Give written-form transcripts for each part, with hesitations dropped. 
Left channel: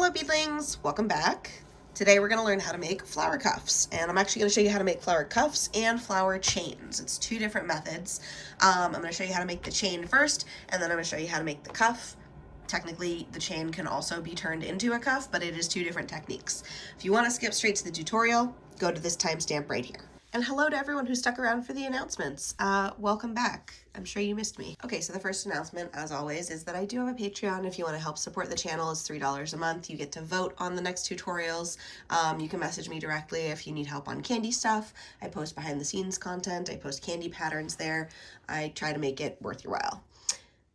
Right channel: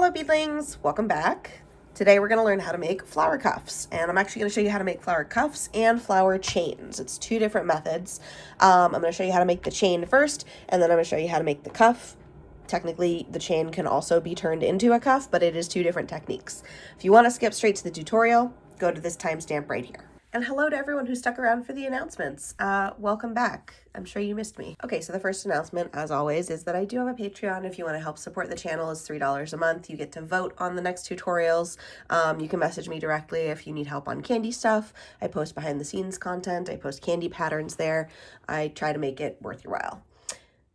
Hello beadlings, welcome back. Today we're going to learn how to make flower cuffs, and I'm actually going to show you how to make flower cuffs and flower chains. It's two different methods. I'm going to show you how to make the chain first, and then I'm going to show you how to make the cuff. Technically, the chain can also be turned into a cuff, but it is two different techniques. If you want to skip straight to the tutorial, go to this timestamp right here. And hello to everyone who stuck around for the announcements. Welcome back. I'm sure you missed me. Okay, so the first announcement, as always, is that I do have a Patreon. If you want to help support the channel, it's $3 a month. You get to vote on the next tutorials. You can message me directly if you need help on Kandi stuff. I post behind the scenes content. I post Kandi patterns there. I try to make it worth your while.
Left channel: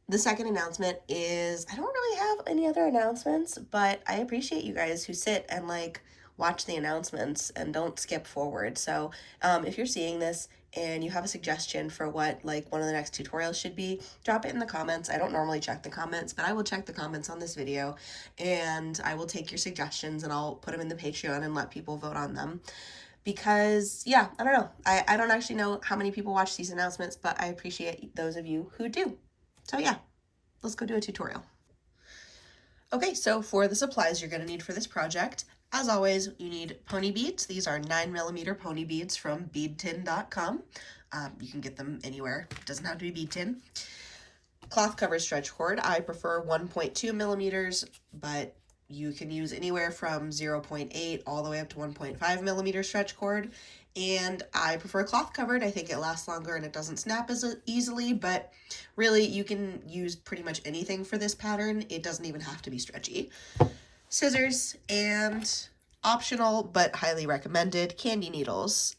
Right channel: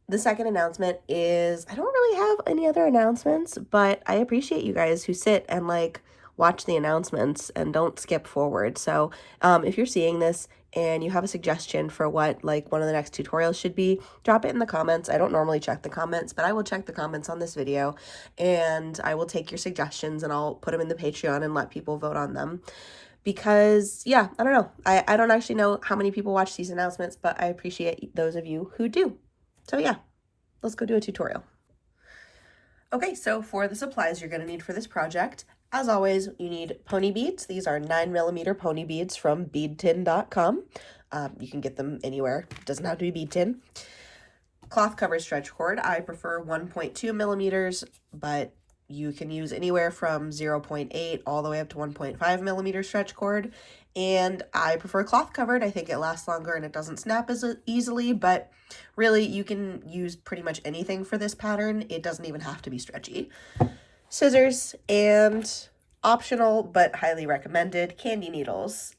The second announcement is, I don't really have any other announcements, but I appreciate you guys who sit and watch the announcements and don't skip forward. So if you're seeing this and you have a suggestion for what one of the next tutorials should be, drop it in the comments. I don't normally check the comments, but I will check the comments on this video, and I will take your suggestions and I'll put them in the Patreon and let people vote on them. Because yeah, I don't know. I don't actually know how many people watch these announcements, but I appreciate those of you who do. So yeah, let's go do a tutorial. Okay, so for the supplies you're going to need for this project, as always, you need pony beads. These are 9mm pony beads from beadtin.com. You can get them anywhere. It doesn't have to be bead tin. Cloth cover stretch cord. I prefer 1.2 millimeters, but you can use anywhere from 0.8 all the way up to 1.5 millimeter stretch cord. And I prefer cloth covered. I think it lasts longer and it doesn't snap as easily, but really you can use pretty much anything for this pattern. It doesn't even have to be stretchy. Scissors, and optional but highly recommended, Kandi needles.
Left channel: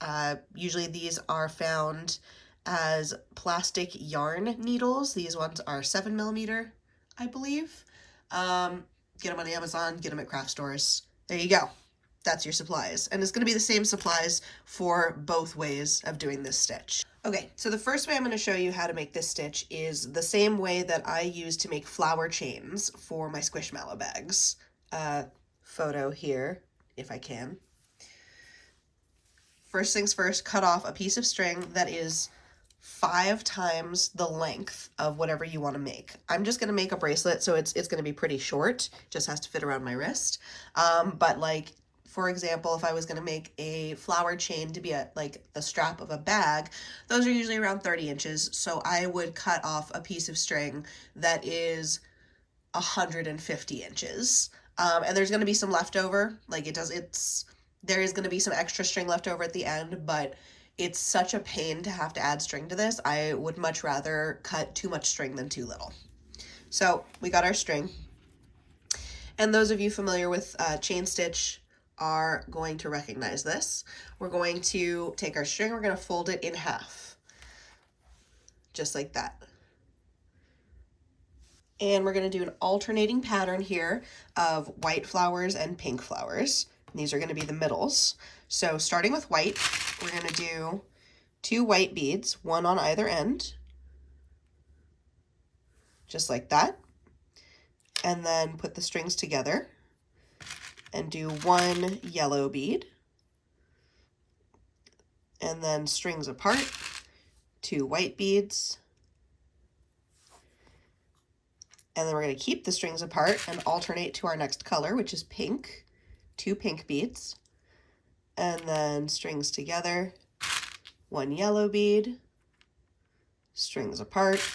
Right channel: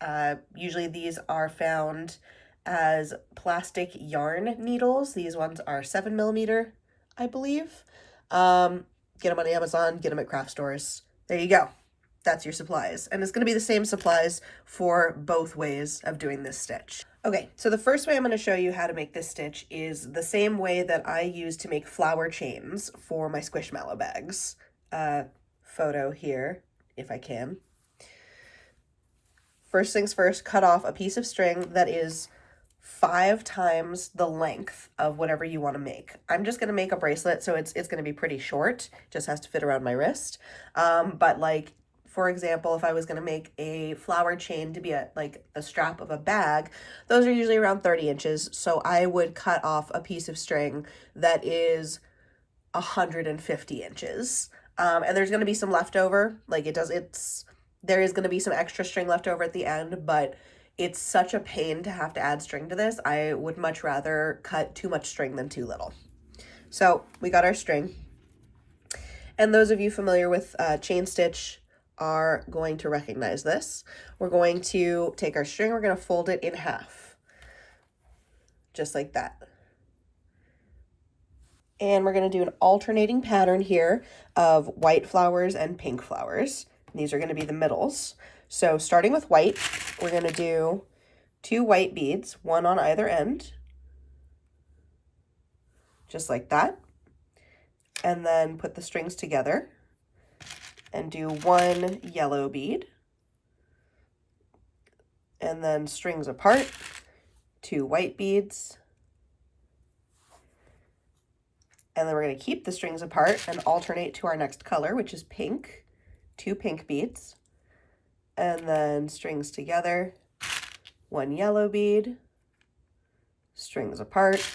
Usually these are found as plastic yarn needles. These ones are 7mm, I believe. Get them on Amazon, get them at craft stores. There you go. That's your supplies. And it's going to be the same supplies for both ways of doing this stitch. Okay, so the first way I'm going to show you how to make this stitch is the same way that I use to make flower chains for my squishmallow bags. Photo here, if I can. First things first, cut off a piece of string that is 5 times the length of whatever you want to make. I'm just going to make a bracelet, so it's going to be pretty short. Just has to fit around my wrist. But for example, if I was going to make a flower chain to be the strap of a bag, those are usually around 30 inches. So I would cut off a piece of string that is 150 inches. And there's going to be some leftover. There is going to be some extra string left over at the end, but it's such a pain to have to add string to this. I would much rather cut too much string than too little. So we got our string. And those of you familiar with chain stitch are going to recognize this. We're going to take our string, we're going to fold it in half, just like that. And we're going to do an alternating pattern here of white flowers and pink flowers. And these are going to be the middles. So starting with white, we're going to do 2 white beads, one on either end, just like that. And then put the strings together and do 1 yellow bead, and then strings apart, 2 white beads, and then we're going to keep the strings apart and alternate to our next color, which is pink, 2 pink beads, and then strings together, 1 yellow bead, strings apart,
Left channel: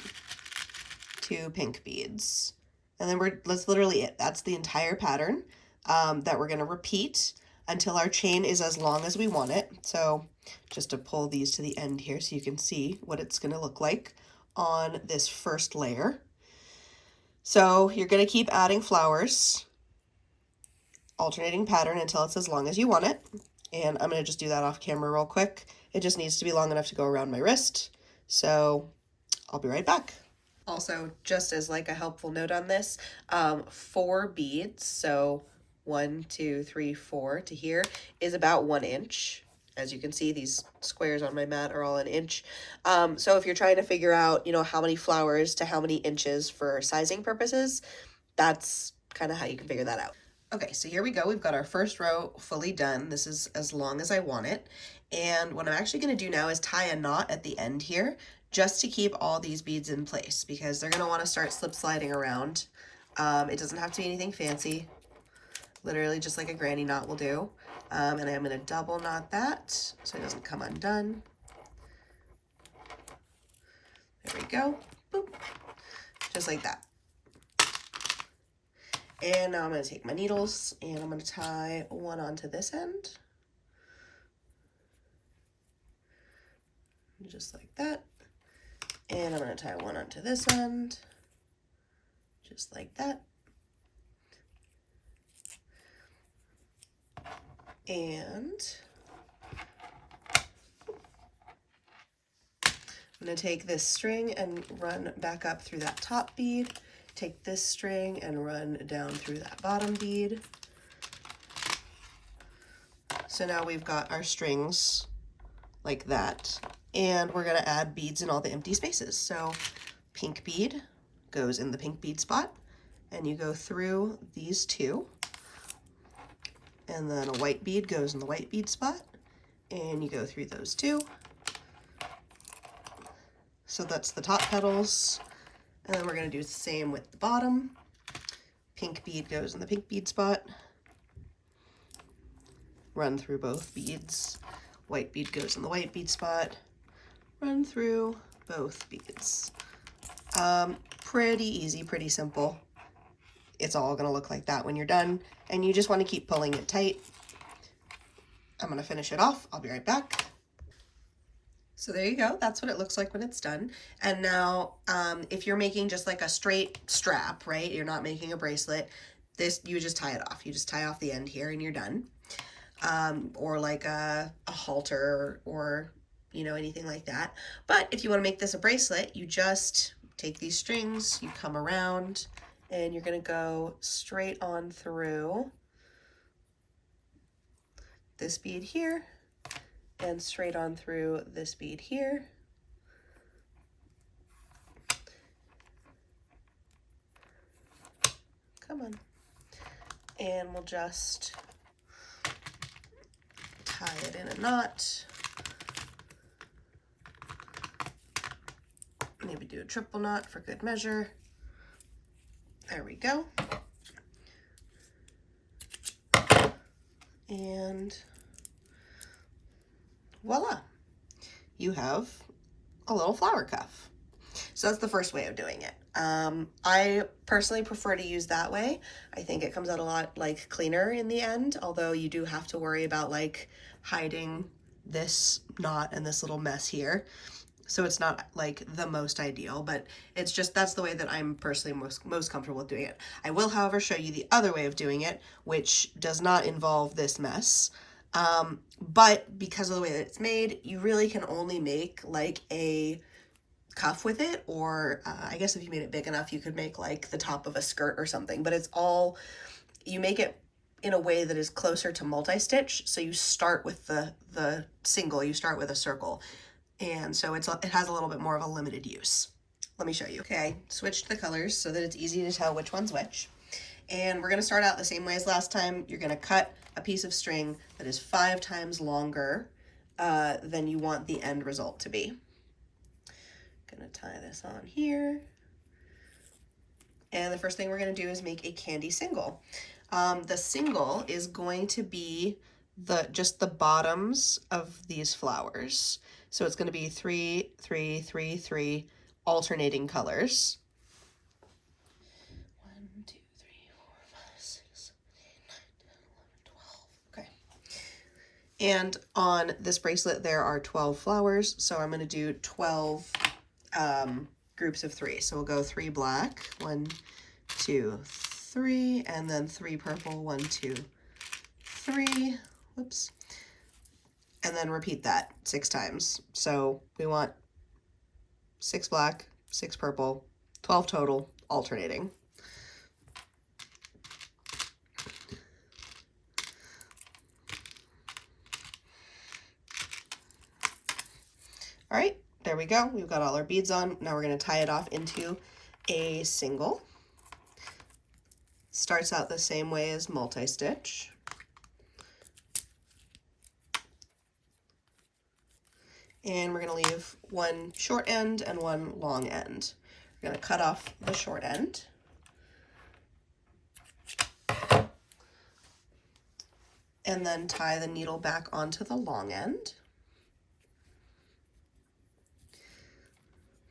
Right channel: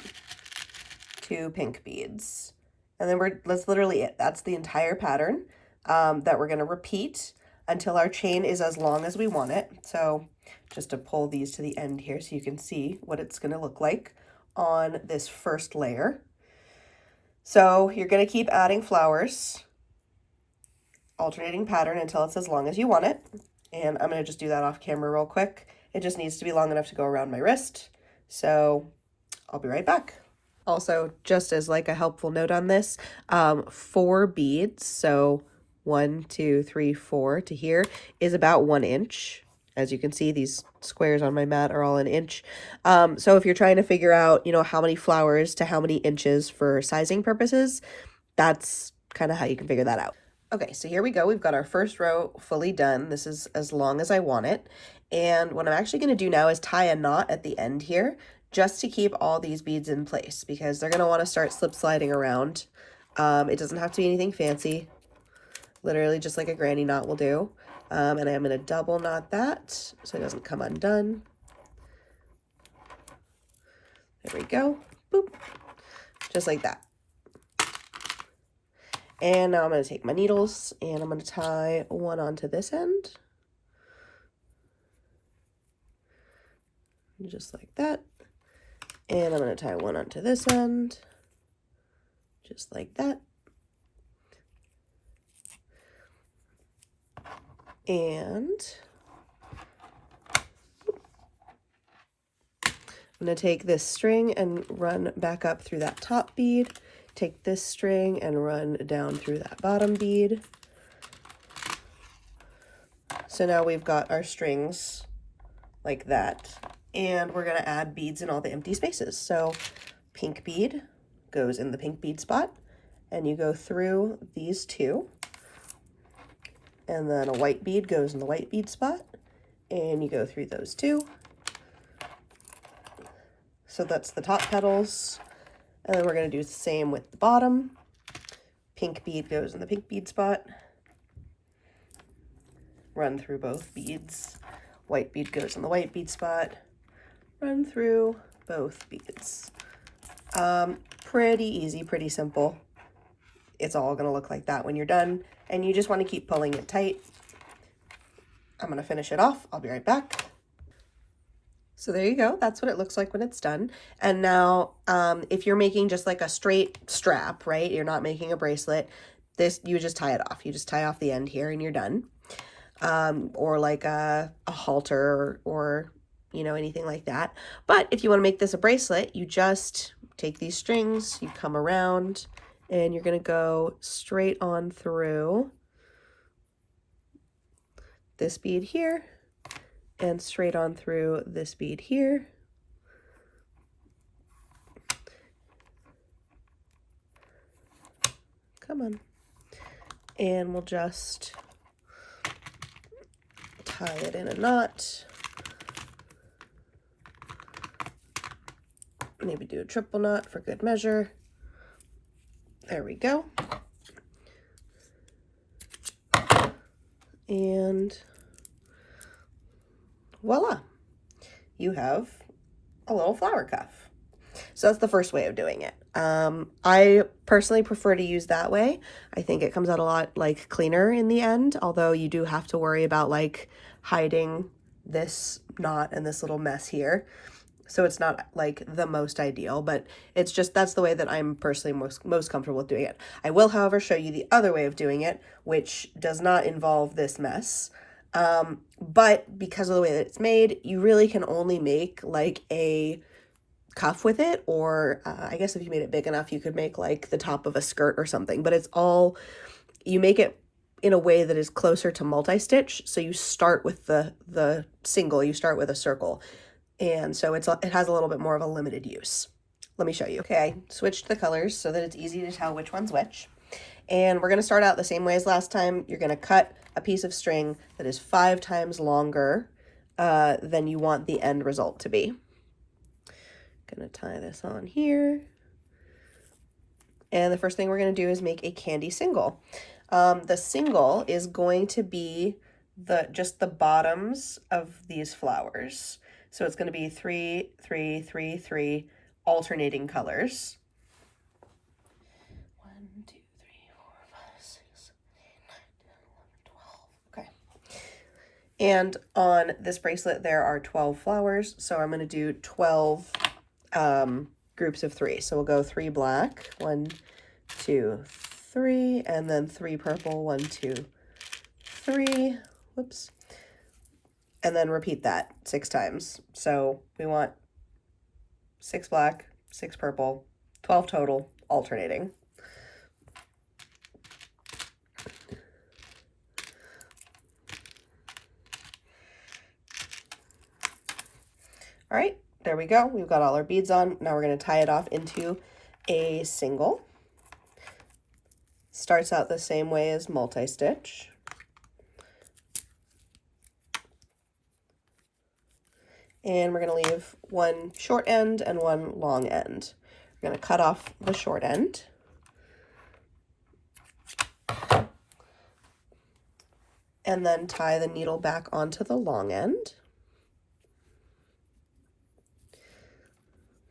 2 pink beads. And then that's literally it. That's the entire pattern that we're going to repeat until our chain is as long as we want it. So just to pull these to the end here so you can see what it's going to look like on this first layer. So you're going to keep adding flowers, alternating pattern until it's as long as you want it. And I'm going to just do that off camera real quick. It just needs to be long enough to go around my wrist. So I'll be right back. Also, just as a helpful note on this, 4 beads, so 1, 2, 3, 4 to here, is about 1 inch. As you can see, these squares on my mat are all an inch. So if you're trying to figure out, how many flowers to how many inches for sizing purposes, that's kind of how you can figure that out. Okay, so here we go. We've got our first row fully done. This is as long as I want it. And what I'm actually going to do now is tie a knot at the end here, just to keep all these beads in place, because they're going to want to start slip sliding around. It doesn't have to be anything fancy. literally just like a granny knot will do. And I'm going to double knot that so it doesn't come undone. There we go. Boop. Just like that. And now I'm going to take my needles and I'm going to tie one onto this end. Just like that. And I'm going to tie one onto this end. Just like that. And I'm going to take this string and run back up through that top bead. Take this string and run down through that bottom bead. So now we've got our strings like that. And we're going to add beads in all the empty spaces. So pink bead goes in the pink bead spot. And you go through these two. And then a white bead goes in the white bead spot. And you go through those two. So that's the top petals. And then we're going to do the same with the bottom. Pink bead goes in the pink bead spot. Run through both beads. White bead goes in the white bead spot. Run through both beads. Pretty easy, pretty simple. It's all going to look like that when you're done. And you just want to keep pulling it tight. I'm going to finish it off. I'll be right back. So there you go. That's what it looks like when it's done. And now, if you're making just like a straight strap, right? You're not making a bracelet. This, you just tie it off. You just tie off the end here and you're done. Or like a halter or, you know, anything like that. But if you want to make this a bracelet, you just take these strings, you come around, and you're going to go straight on through this bead here. And straight on through this bead here. Come on. And we'll just tie it in a knot. Maybe do a triple knot for good measure. There we go. And voila, you have a little flower cuff. So that's the first way of doing it. I personally prefer to use that way. I think it comes out a lot like cleaner in the end, although you do have to worry about like hiding this knot and this little mess here. So it's not like the most ideal, but it's just, that's the way that I'm personally most comfortable with doing it. I will, however, show you the other way of doing it, which does not involve this mess. But because of the way that it's made, you really can only make like a cuff with it, or I guess if you made it big enough, you could make like the top of a skirt or something, but it's all, you make it in a way that is closer to multi-stitch. So you start with the single, you start with a circle. And so it has a little bit more of a limited use. Let me show you. Okay, I switched the colors so that it's easy to tell which one's which. And we're gonna start out the same way as last time. You're gonna cut a piece of string that is 5 times longer than you want the end result to be. Gonna tie this on here. And the first thing we're gonna do is make a Kandi single. The single is going to be just the bottoms of these flowers. So it's gonna be 3, 3, 3, 3 alternating colors. 1, 2, 3, 4, 5, 6, 7, 8, 9, 10, 11, 12. Okay. And on this bracelet, there are 12 flowers. So I'm gonna do 12 groups of 3. So we'll go 3 black, 1, 2, 3, and then 3 purple, 1, 2, 3. Whoops. And then repeat that 6 times. So we want 6 black, 6 purple, 12 total, alternating. All right, there we go. We've got all our beads on. Now we're going to tie it off into a single. Starts out the same way as multi-stitch. And we're going to leave one short end and one long end. We're going to cut off the short end. and then tie the needle back onto the long end.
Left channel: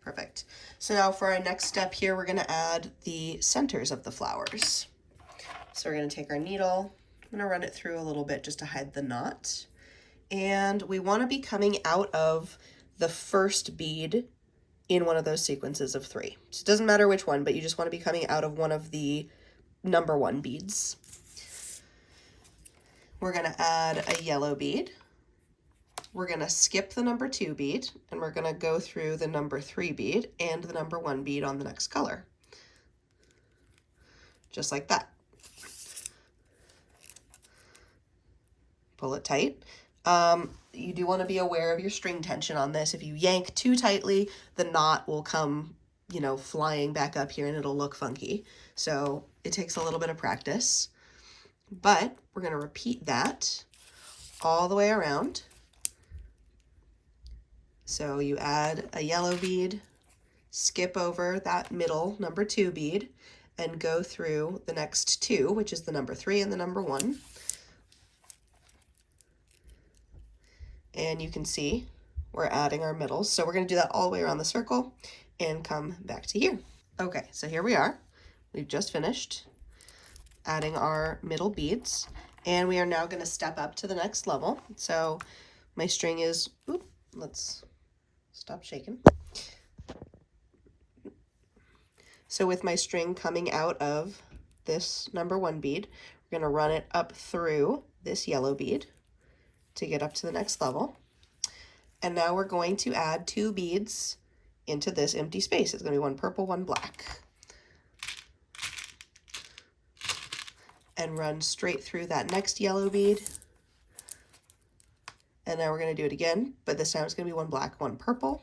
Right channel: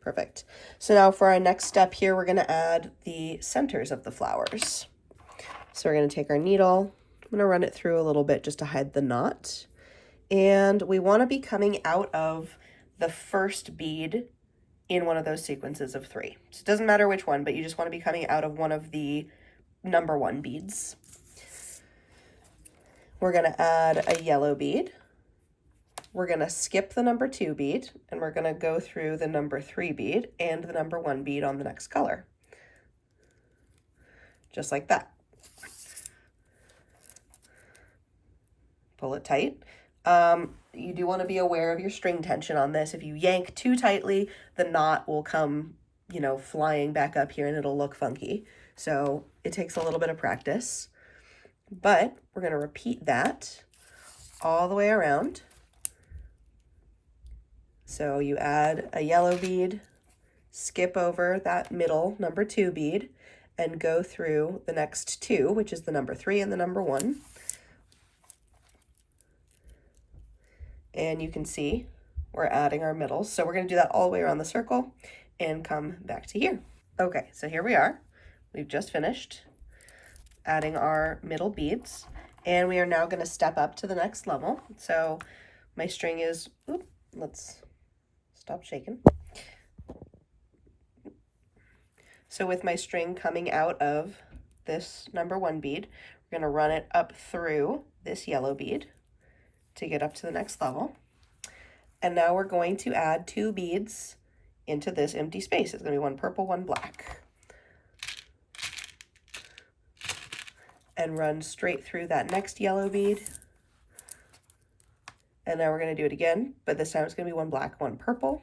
Perfect. So now for our next step here, we're going to add the centers of the flowers. So we're going to take our needle, I'm going to run it through a little bit just to hide the knot. And we want to be coming out of the first bead in one of those sequences of 3. So it doesn't matter which one, but you just want to be coming out of one of the number 1 beads. We're going to add a yellow bead. We're going to skip the number 2 bead, and we're going to go through the number 3 bead and the number 1 bead on the next color. Just like that. Pull it tight. You do want to be aware of your string tension on this. If you yank too tightly, the knot will come, you know, flying back up here and it'll look funky. So it takes a little bit of practice, but we're going to repeat that all the way around. So you add a yellow bead, skip over that middle number 2 bead, and go through the next 2, which is the number 3 and the number 1. And you can see we're adding our middles. So we're going to do that all the way around the circle and come back to here. Okay, so here we are. We've just finished adding our middle beads, and we are now going to step up to the next level. So my string is, let's stop shaking. So with my string coming out of this number 1 bead, we're going to run it up through this yellow bead to get up to the next level. And now we're going to add 2 beads into this empty space. It's going to be one purple, one black. And run straight through that next yellow bead. And now we're going to do it again, but this time it's going to be one black, one purple.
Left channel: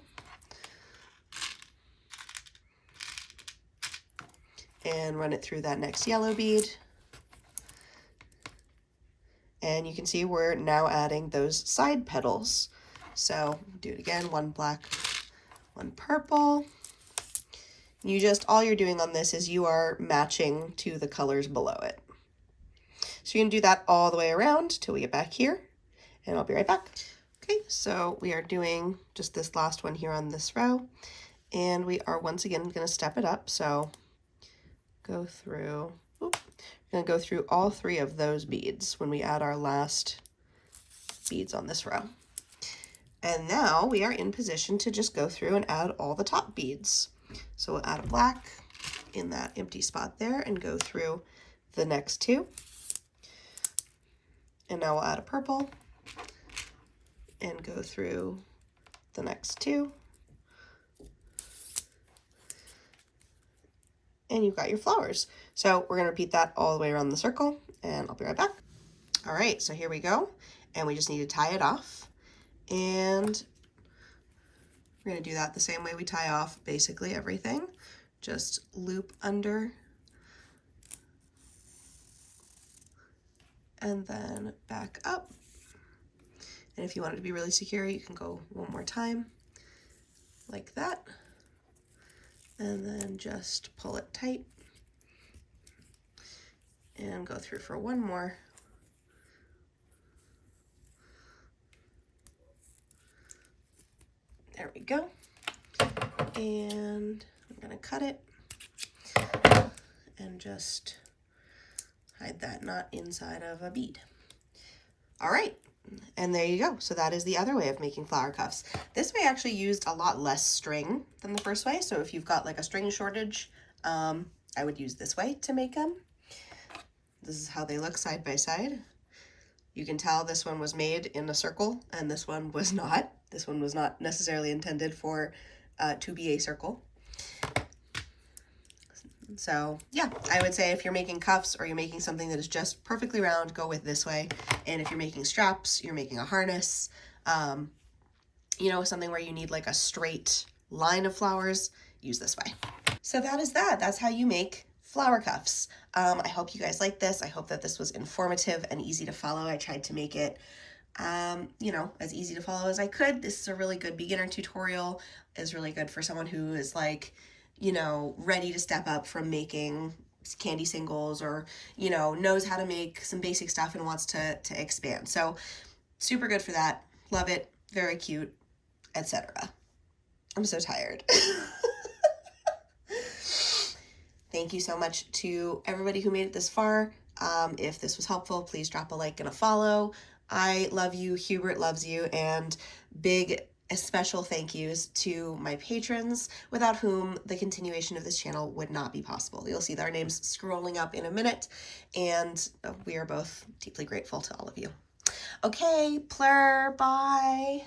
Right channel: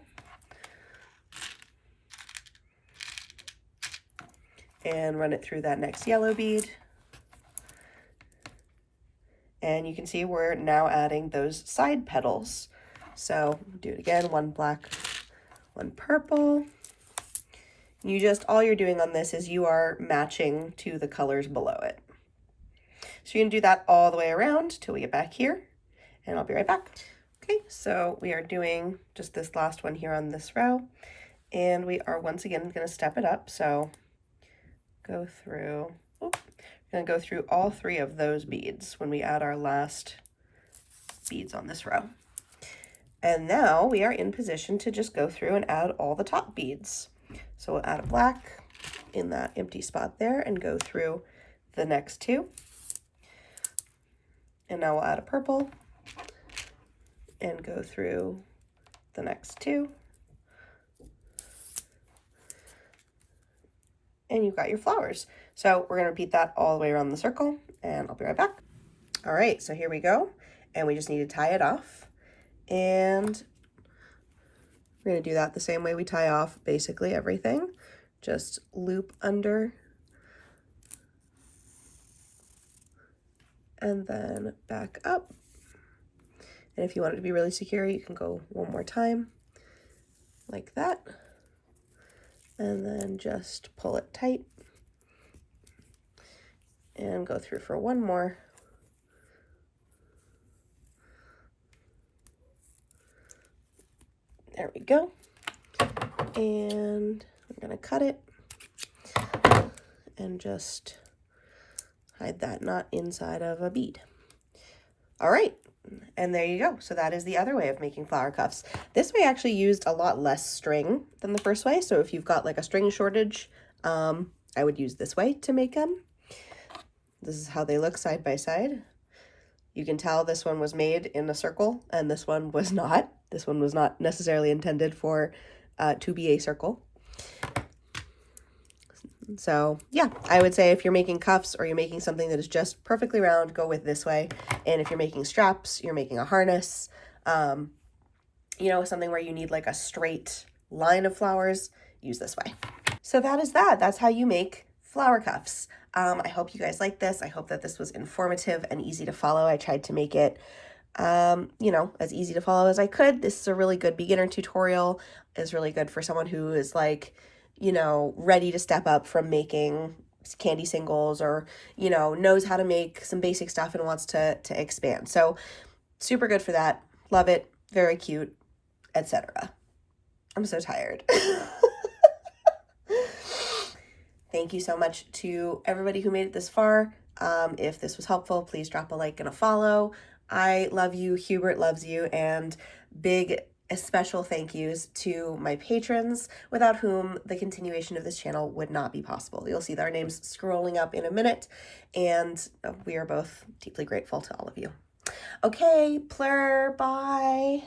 And run it through that next yellow bead. And you can see we're now adding those side petals. So do it again, one black, one purple. All you're doing on this is you are matching to the colors below it. So you can do that all the way around till we get back here, and I'll be right back. Okay, so we are doing just this last one here on this row, and we are once again going to step it up. So go through, we're going to go through all 3 of those beads when we add our last beads on this row. And now we are in position to just go through and add all the top beads. So we'll add a black in that empty spot there and go through the next 2. And now we'll add a purple and go through the next 2. And you've got your flowers. So we're going to repeat that all the way around the circle, and I'll be right back. All right, so here we go. And we just need to tie it off. And we're going to do that the same way we tie off basically everything. Just loop under and then back up. And if you want it to be really secure, you can go one more time like that. And then just pull it tight and go through for one more. There we go. And I'm gonna cut it and just hide that knot inside of a bead. All right, and there you go. So that is the other way of making flower cuffs. This way actually used a lot less string than the first way. So if you've got like a string shortage, I would use this way to make them. This is how they look side by side. You can tell this one was made in a circle and this one was not. This one was not necessarily intended for to be a circle. So yeah, I would say if you're making cuffs or you're making something that is just perfectly round, go with this way. And if you're making straps, you're making a harness, you know, something where you need like a straight line of flowers, use this way. So that is that. That's how you make flower cuffs. I hope you guys like this. I hope that this was informative and easy to follow. I tried to make it, you know, as easy to follow as I could. This is a really good beginner tutorial. It's really good for someone who is like, you know, ready to step up from making candy singles, or, you know, knows how to make some basic stuff and wants to expand. So super good for that. Love it. Very cute, etc. I'm so tired. Thank you so much to everybody who made it this far. If this was helpful, please drop a like and a follow. I love you. Hubert loves you. And big special thank yous to my patrons, without whom the continuation of this channel would not be possible. You'll see their names scrolling up in a minute, and we are both deeply grateful to all of you. Okay, plur, bye.